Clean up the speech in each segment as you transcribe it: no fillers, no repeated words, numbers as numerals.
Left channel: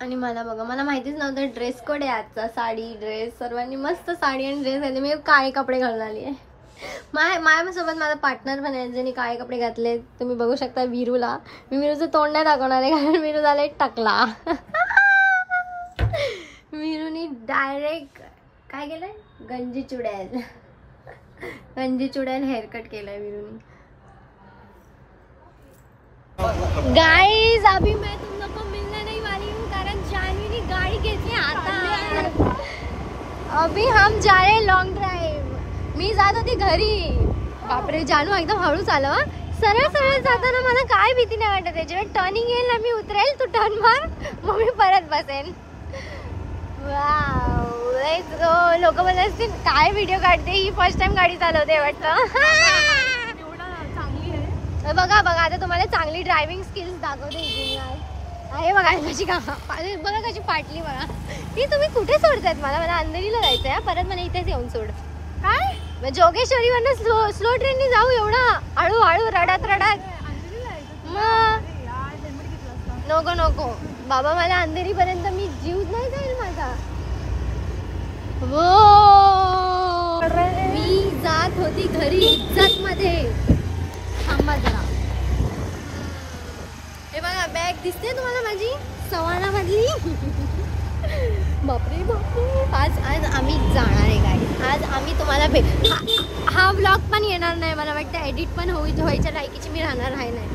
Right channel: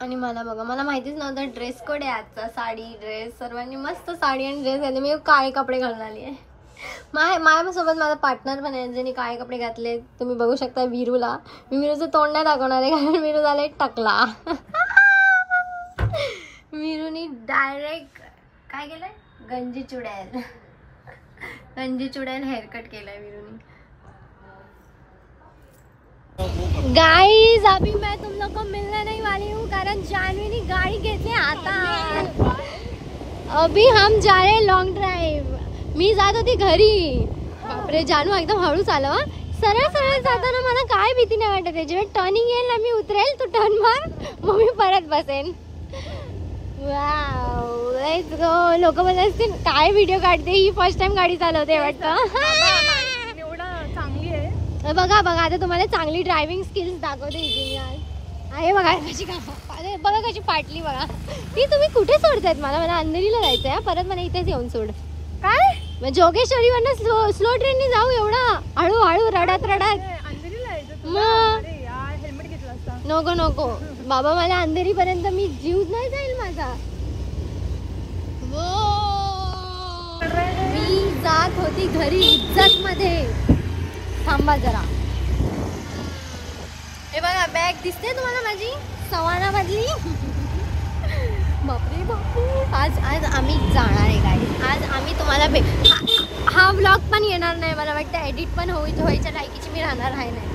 आणि मला बघा, मला माहितीच नव्हतं ड्रेस कोड आहे आजचा. साडी ड्रेस, सर्वांनी मस्त साडी आणि ड्रेस घातले. मी काळे कपडे घालून आली आहे. माझ्यासोबत माझा पार्टनर पण आहे ज्यांनी काळे कपडे घातले. तुम्ही बघू शकता विरूला. मी विरूचं तोंड नाही दाखवणार आहे कारण विरू झाला टकला. विरूनी डायरेक्ट काय केलंय, गंजी चुड्याल हेअरकट केलाय विरूनी. गाइस अभी मैं तुम लोग को मिलने नहीं वाली हूँ कारण जानवी ने गाड़ी घेतली आता. अभी हम जा रहे हैं लॉन्ग ड्राइव. मी जात होती घरी. बापरे जानू एकदम हळूच आलं. सरळ जाताना मला काय भीती नाही वाटत. जेव्हा टर्निंग येईल ना मी उतरेल, तू टर्न मार, मग मी परत बसेन. वाव, लोक मला असतील काय व्हिडिओ काढते, ही फर्स्ट टाइम गाडी चालवते वाटतं. चांगली आहे. बघा आता तुम्हाला चांगली ड्रायव्हिंग स्किल्स दाखवते इथे आहे. बघा कशी बघा कशी फाटली बघा. ही तुम्ही कुठे सोडतायत मला अंधेरीला जायचंय. परत मला इथेच येऊन सोड. काय जोगेश्वरी वरनं स्लो ट्रेनने जाऊ एवढा हळू रडत अंधेरीला नको बाबा. मला अंधेरी पर्यंत मी जीव नाही जाईल माझा. मी जात होती घरी इज्जत मध्ये. थांबा जरा. हे बघा बॅग दिसते तुम्हाला माझी सवाना मधली. बापरे आज आम्ही जाणार आहे गाडी. आज आम्ही तुम्हाला हा व्लॉग पण येणार नाही. मला वाटतं एडिट पण व्हायच्या लायकीची मी राहणार आहे नाही.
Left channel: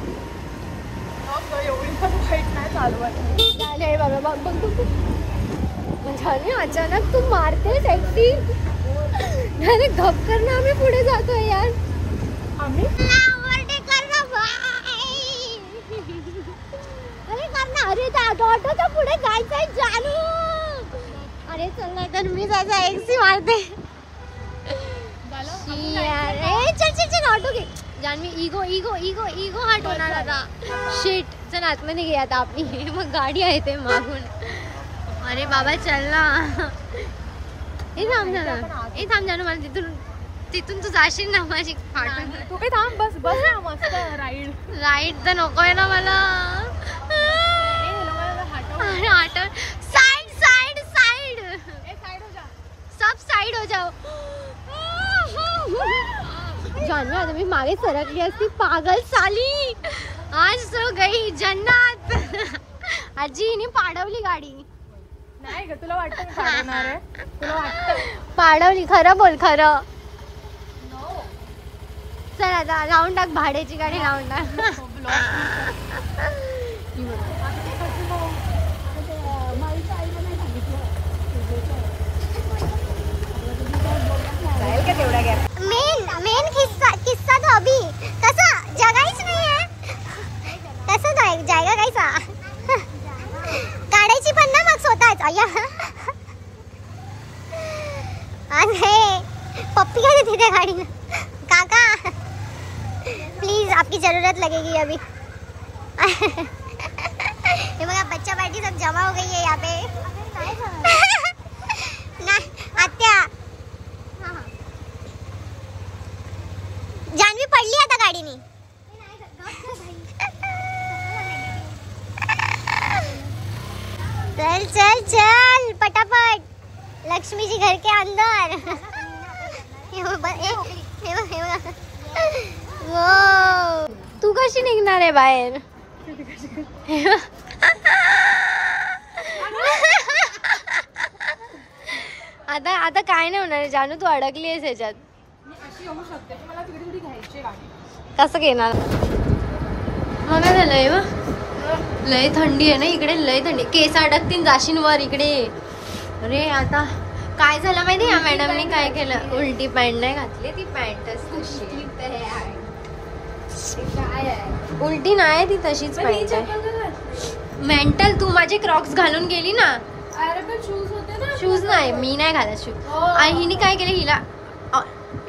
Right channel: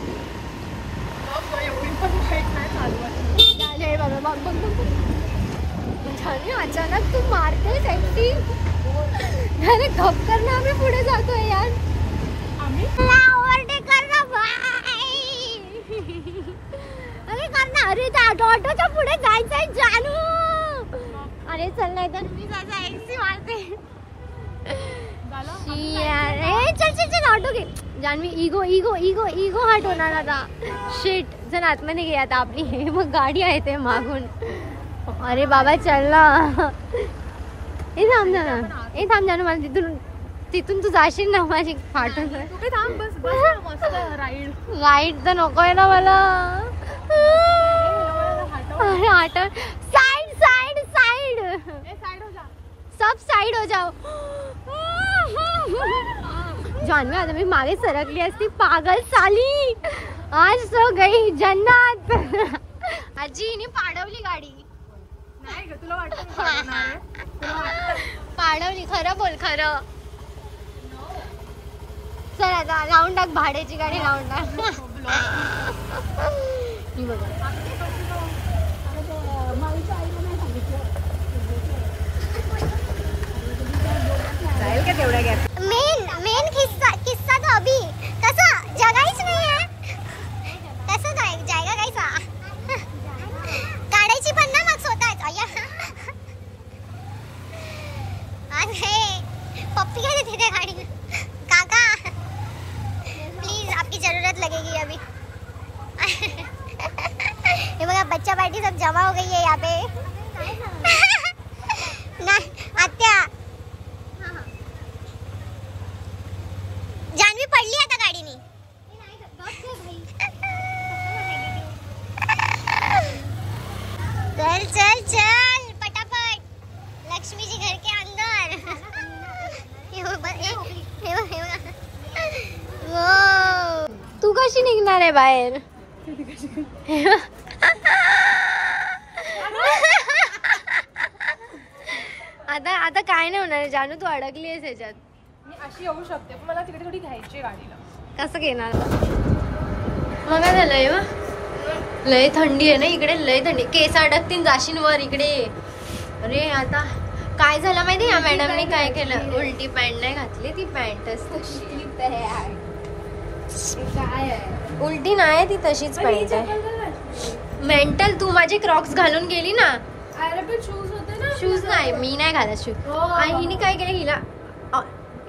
अचानक तू मारते सेक्सी. अरे गप कर ना, आम्ही पुढे जातोय यार. ऑटोच्या पुढे जायचंय जानू. अरे चल नाही तर मी जायचा एक्सी मारते. चल ऑटो घे जानवी. इगो हटवणार आता. शिट चल आतमध्ये घे आता आपली. हे बघ गाडी आहे ते मागून. अरे बाबा चल ना. हे थांब जानू मला तिथून तिथून तू जाशील ना माझी फाटून. तू काही थांब, बस बस ना, मस्त राईड. राईट तर नकोय ना मला. साइड साइड साइड साइड हो जा, सब साइड हो जाओ. जानवी आता मी मागे सरकली असती. पागल साली, आज तो गई जन्नत. आजी हिने पाडवली गाडी. नाही ग, तुला वाटतं का पाडणार आहे? तुला वाटतं? पाडवली. खरं बोल, खरं. चल आता लावून टाक भाड्याची गाडी, लावून टाक. मेन किस्सा तो अभी कसा जगायच नाही आहे. कसं जायगा कैसा काढायची पण ना मग स्वतःच. अरे पप्पी का देते गाड़ी में. काका प्लीज आपकी जरूरत लगेगी अभी. ये बघा बच्चा पार्टी सब जमा हो गई है यहाँ पे. ना आत्या जानवी पडली आता गाडीनी. चल चल चल पटापट लक्ष्मी जी घर के अंदर. तू कशी निघणार आहे बाहेर. आता आता काय नाही होणार जानू, तू अडकली आहेस ह्याच्यात. मी अशी येऊ शकते, पण मला तिकडे थोडी घ्यायची आहे गाडीला. कसं घेणार. बघा झालंय लय थंडी आहे ना इकडे, लय थंडी. केस अडकतील जाशीन वर इकडे. अरे आता काय झालं माहिती या मॅडमने काय केलं. उलटी पॅन्ट नाही घातली, ती पॅन्टच तशी. उलटी नाही, ती तशीच पॅन्ट आहे. मेंटल, तू माझे क्रॉक्स घालून गेली ना. शूज नाही, मी नाही घालत शूज. आणि हिने काय केलं, हिला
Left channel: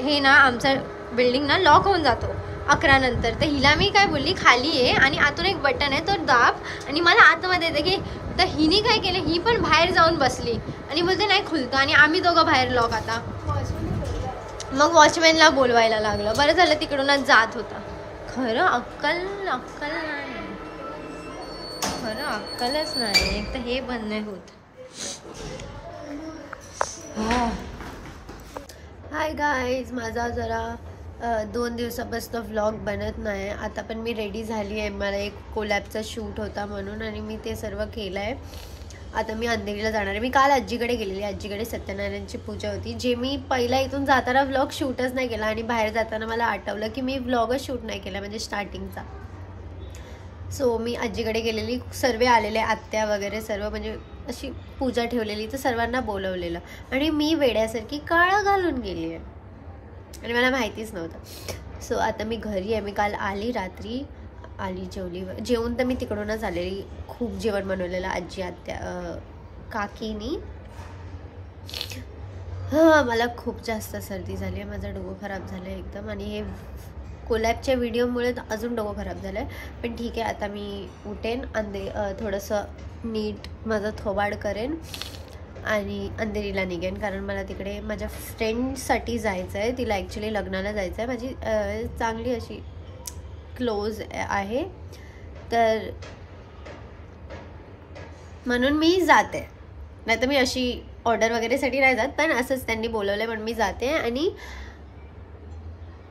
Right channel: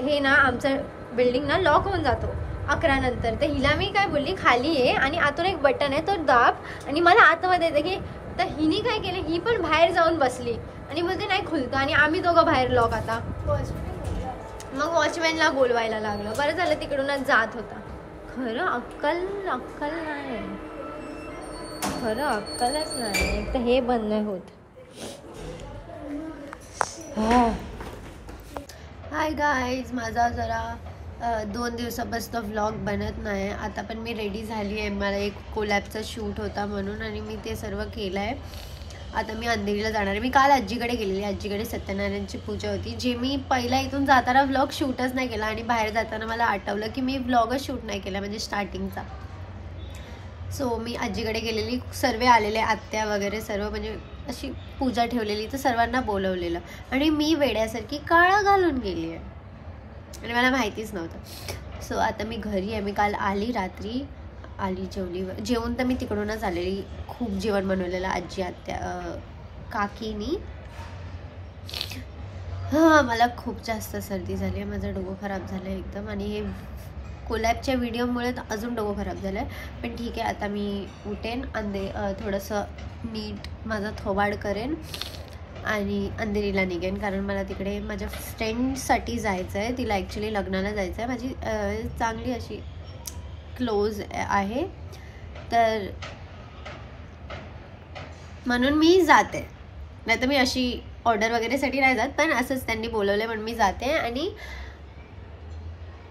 हे ना आमचं बिल्डिंग ना लॉक होऊन जातो 11 नंतर. तर हिला मी काय बोलली, खाली आहे आणि आतून एक बटन आहे तो दाब आणि मला आतमध्ये येते की. तर हिने काय केलं, ही पण बाहेर जाऊन बसली आणि बोलते नाही खुलतो. आणि आम्ही दोघं बाहेर लॉक. आता मग वॉचमॅनला बोलवायला लागलं. बरं झालं तिकडूनच जात होता. खरं अक्कल नाही, खरं अक्कलच नाही. एक तर हे बंद नाही होत. हाय गाईज, माझा जरा 2 दिवसापासून व्लॉग बनत नाही. आता पण मी रेडी झाली आहे. मला एक कोलॅबचा शूट होता म्हणून आणि मी ते सर्व केलं आहे. आता मी अंधेरीला जाणार आहे. मी काल आजीकडे गेलेली. आजीकडे सत्यनारायणची पूजा होती, जे मी पहिला इथून जाताना व्लॉग शूटच नाही केला. आणि बाहेर जाताना मला आठवलं की मी व्लॉगच शूट नाही केला, म्हणजे स्टार्टिंगचा. सो मी आजीकडे गेलेली. सर्व आलेले, आत्या वगैरे सर्व, म्हणजे अशी पूजा ठेवलेली. तर सर्वांना बोलवलेलं आणि मी वेड्यासारखी काळा घालून गेली आहे आणि मला माहितीच नव्हतं. सो आता मी घरी आहे. मी काल आली, रात्री आली, जेवून तर मी तिकडूनच आलेली. खूप जेवण बनवलेलं आजी, आत्या, काकीनी. मला खूप जास्त सर्दी झाली आहे. माझं डोकं खराब झालं आहे एकदम. आणि हे कोलॅबच्या व्हिडिओमुळे अजून डोकं खराब झालं आहे. पण ठीक आहे, आता मी उठेन, थोडंसं नीट माझं थोबाड करेन आणि अंधेरीला निघेन. कारण मला तिकडे माझ्या फ्रेंडसाठी जायचं आहे. तिला ॲक्च्युली लग्नाला जायचं आहे. माझी चांगली अशी क्लोज आहे, तर म्हणून मी जाते. नाही तर मी अशी ऑर्डर वगैरेसाठी नाही जात, पण असंच त्यांनी बोलवलं म्हणून मी जाते आणि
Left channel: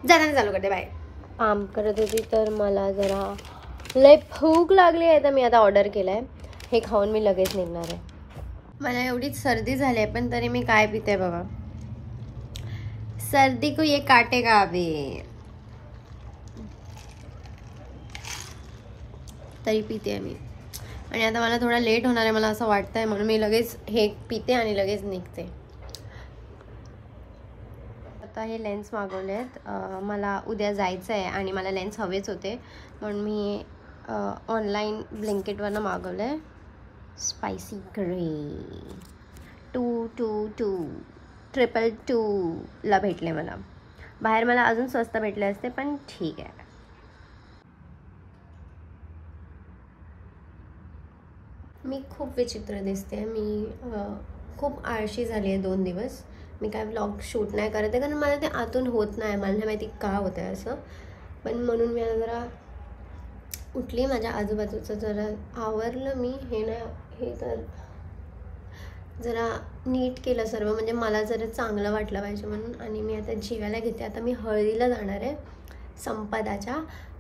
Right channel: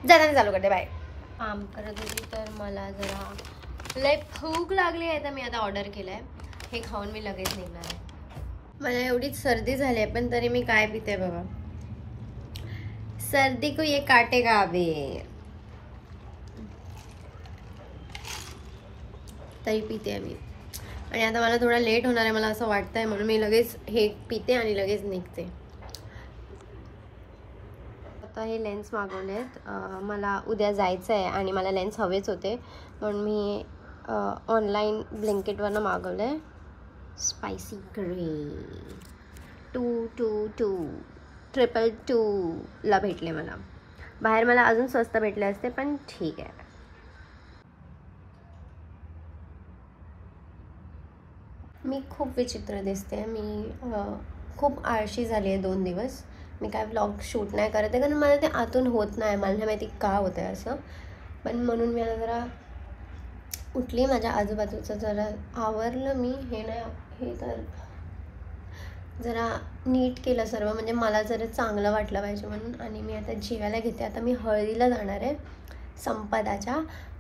जाण्याचं चालू करते. बाय. काम करत होती तर मला जरा लय भूक लागली आहे, तर मी आता ऑर्डर केलं आहे. हे खाऊन मी लगेच निघणार आहे. मला एवढीच सर्दी झाली आहे, पण तरी मी काय पिते बघा. सर्दी को ये काटेगा अभी. तरी पिते मी. आणि आता मला थोडा लेट होणार आहे मला असं वाटतं आहे, म्हणून मी लगेच हे पिते आणि लगेच निघते. आता हे लेन्स मागवले आहेत. मला उद्या जायचं आहे आणि मला लेन्स हवेच होते, म्हणून मी ऑनलाईन ब्लिंकिटवरनं मागवलं आहे. स्पायसी ग्रे 222 भेटले मला. बाहेर मला अजून स्वस्त भेटले असते, पण ठीक आहे. मी खूप विचित्र दिसते. मी खूप आळशी झाली आहे 2 दिवस. मी काय व्लॉग शूट नाही करत आहे, कारण मला ते आतून होत नाही. मला नाही माहिती का होतं आहे असं, पण म्हणून मी आता जरा उठली, माझ्या आजूबाजूचं जरा आवरलं मी. हे तर जरा नीट केलं सर्व, म्हणजे मला जरा चांगलं वाटलं पाहिजे म्हणून. आणि मी आता जेवायला घेते. आता मी हळदीला जाणार आहे संपदाच्या,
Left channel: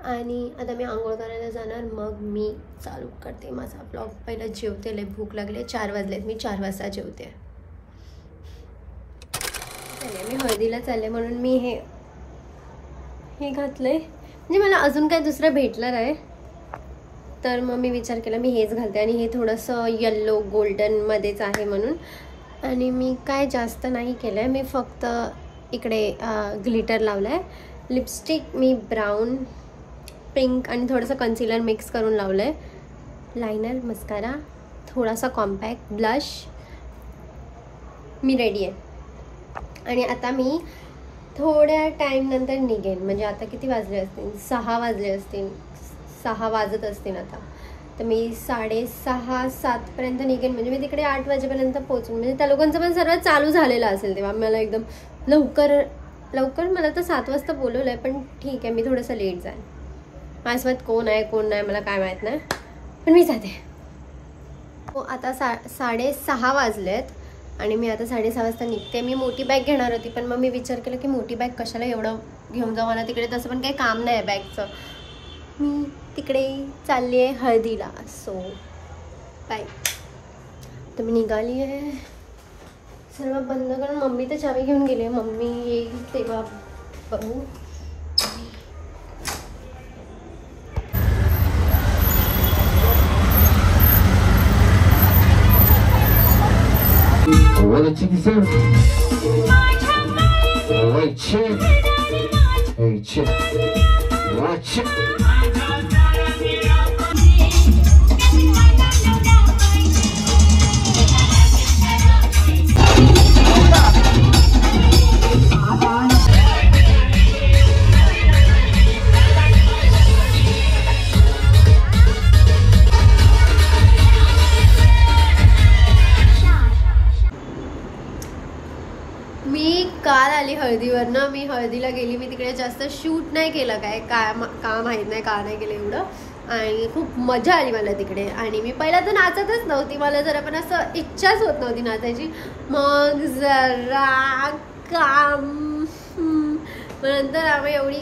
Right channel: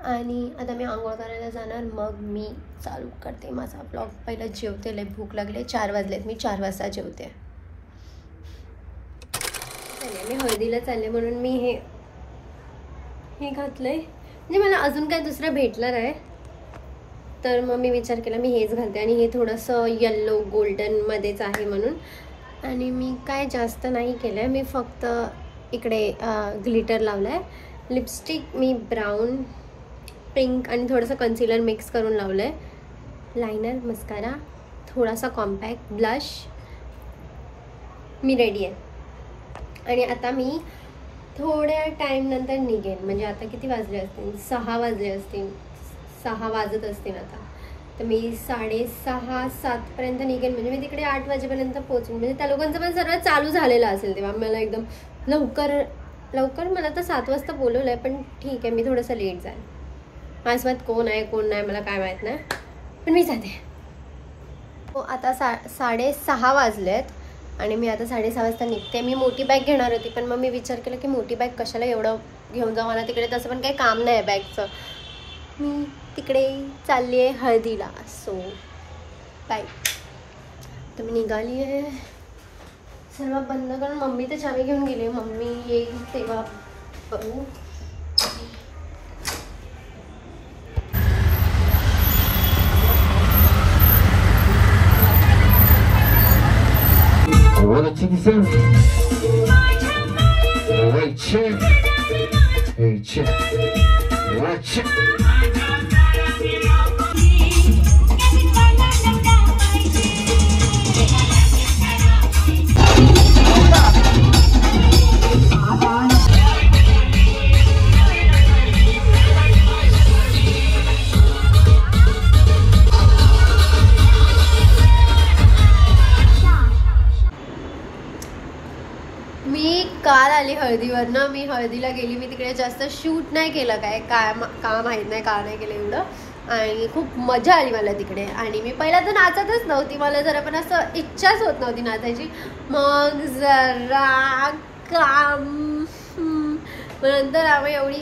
आणि आता मी आंघोळ करायला जाणार, मग मी चालू करते माझा ब्लॉग. पहिलं जेवते, लय भूक लागले, 4 वाजलेत, मी 4 वाजता जेवते. मी हळदीला चालले म्हणून मी हे घातलंय, म्हणजे मला अजून काय दुसरं भेटलं नाही, तर मग मी विचार केला मी हेच घालते. आणि हे थोडंसं येल्लो गोल्डनमध्येच आहे म्हणून. आणि मी काय जास्त नाही केलं आहे, मी फक्त इकडे ग्लिटर लावलं आहे. लिपस्टिक मी ब्राऊन, पिंक आणि थोडंसं कन्सिलर मिक्स करून लावलं आहे. लायनर, मस्कारा, थोडासा कॉम्पॅक्ट, ब्लश. मी रेडी आहे. आणि आता मी थोड्या टाईम नंतर निघेन, म्हणजे आता किती वाजले असतील, 6 वाजले असतील, 6 वाजत असतील आता. तर मी 6:30-7पर्यंत निघेन, म्हणजे मी तिकडे 8 वाजेपर्यंत पोहोचेन. म्हणजे त्या लोकांचं पण सर्व चालू झालेलं असेल तेव्हा. मला एकदम लवकर मला तर 7 वाजता बोलवलं आहे, पण ठीक आहे, मी थोडंसं लेट जाईल. माझ्यासोबत कोण आहे कोण नाही मला काय माहीत नाही, पण मी जाते. हो, आता 6:30 वाजलेत आणि मी आता 6:30 वाजता निघते. मी मोठी बॅग घेणार होती, पण मग मी विचार केला की मोठी बॅग कशाला एवढं घेऊन जाऊ, मला तिकडे तसं पण काही काम नाही आहे बॅगचं. मी तिकडे चालली आहे हळदीला, सो बाय. तर मी निघाली आहे. सर्व बंद करून मम्मी तर चावी घेऊन गेली. मम्मी येईल तेव्हा बघू. मी काल आली हळदीवरनं. मी हळदीला गेली, मी तिकडे जास्त शूट नाही केलं, काय का माहीत नाही का नाही केलं एवढं. आणि खूप मजा आली मला तिकडे. आणि मी पहिला तर नाचतच नव्हती, मला जरा पण असं इच्छाच होत नव्हती नाचायची. मग जरा काम, नंतर आम्ही एवढी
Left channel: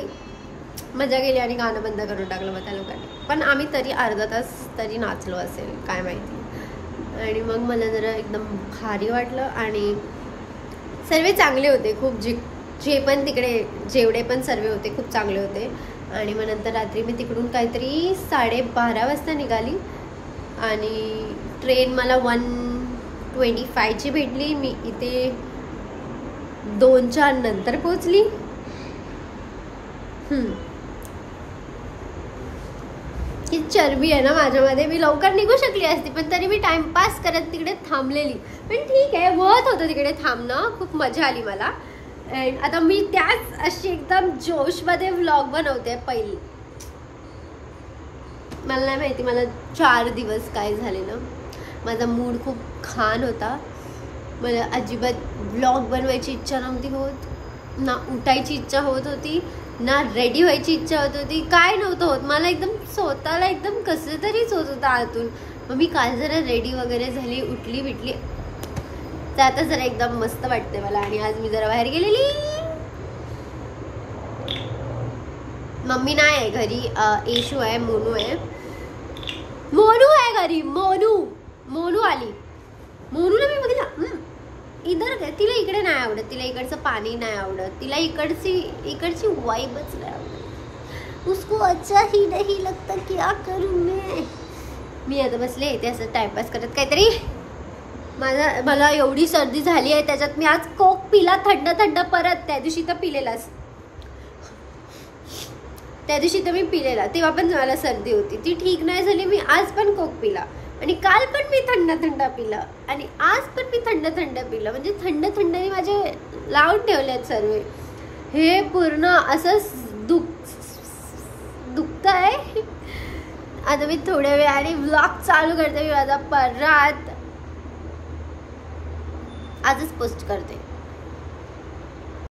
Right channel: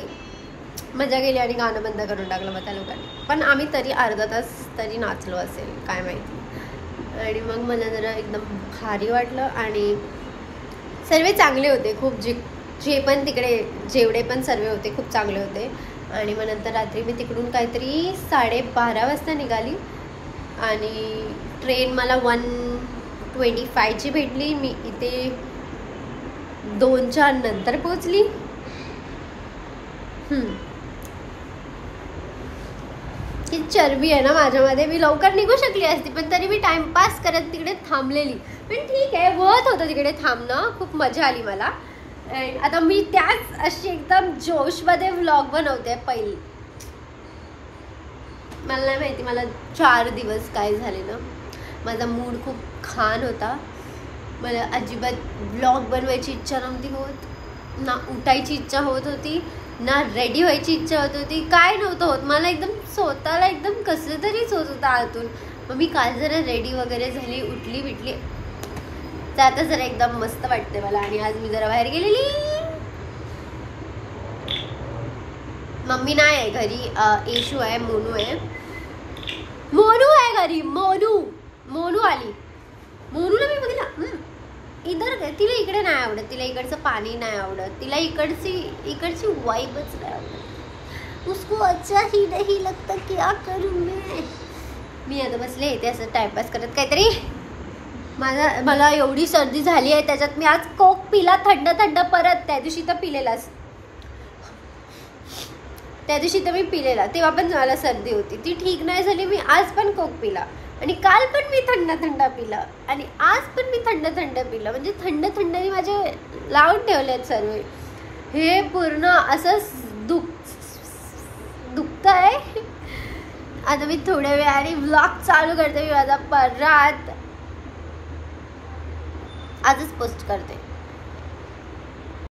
मजा केली आणि गाणं बंद करून टाकलं मग त्या लोकांनी. पण आम्ही तरी अर्धा तास तरी नाचलो असेल काय माहिती. आणि मग मला जरा एकदम भारी वाटलं. आणि सर्व चांगले होते खूप, जे पण तिकडे जेवढे पण सर्व होते खूप चांगले होते. आणि मग नंतर रात्री मी तिकडून काहीतरी 12:30 वाजता निघाली आणि ट्रेन मला 1:25ची भेटली. मी इथे 2:04 नंतर पोहोचली. ही चरबी आहे ना माझ्यामध्ये, मी लवकर निघू शकली असती, पण तरी मी टाइमपास करत तिकडे थांबलेली. पण ठीक आहे, वर्थ होतं तिकडे थांबणं, खूप मजा आली मला. आता मी त्याच अशी एकदम जोशमध्ये व्लॉग बनवते. पहिली मला नाही माहिती मला 4 दिवस काय झाले ना, माझा मूड खूप खान होता. मला अजिबात व्लॉग बनवायची इच्छा नव्हती होत, ना उठायची इच्छा होत होती, ना रेडी व्हायची इच्छा होत होती, काय नव्हतं होत. मला एकदम स्वतःला एकदम कसं तरीच होत होतं आतून. मग मी काल जरा रेडी वगैरे झाली, उठली बिटली, तर आता जरा एकदम मस्त वाटते मला. आणि आज मी जरा बाहेर गेलेली. मम्मी नाही आहे घरी, येशू आहे, मोनू आहे घरी. मोनू आली. मोनूला मी बघितलं इधर, तिला इकडे नाही आवडत, तिला इकडचं पाणी नाही आवडत, तिला इकडची वाइबच नाही आवडत. उसको अच्छा ही नहीं लगता, क्या करूं मी आता बसले इथे असं टाइमपास करत काहीतरी. मला एवढी सर्दी झाली आहे, त्याच्यात मी आज कोक पिला थंड परत. त्या दिवशी तर पिलेलाच, त्या दिवशी तर मी पिलेला, तेव्हा पण मला सर्दी होती, ती ठीक नाही झाली. मी आज पण कोक पिला आणि काल पण मी थंड पिला आणि आज पण मी थंड पिलं. म्हणजे थंडनी माझे लावून ठेवले आहेत सर्व. हे पूर्ण असंच दुखत आहे. आता मी थोड्या वेळाने व्लॉग चालू करते. मी माझा परत आजच पोस्ट करते.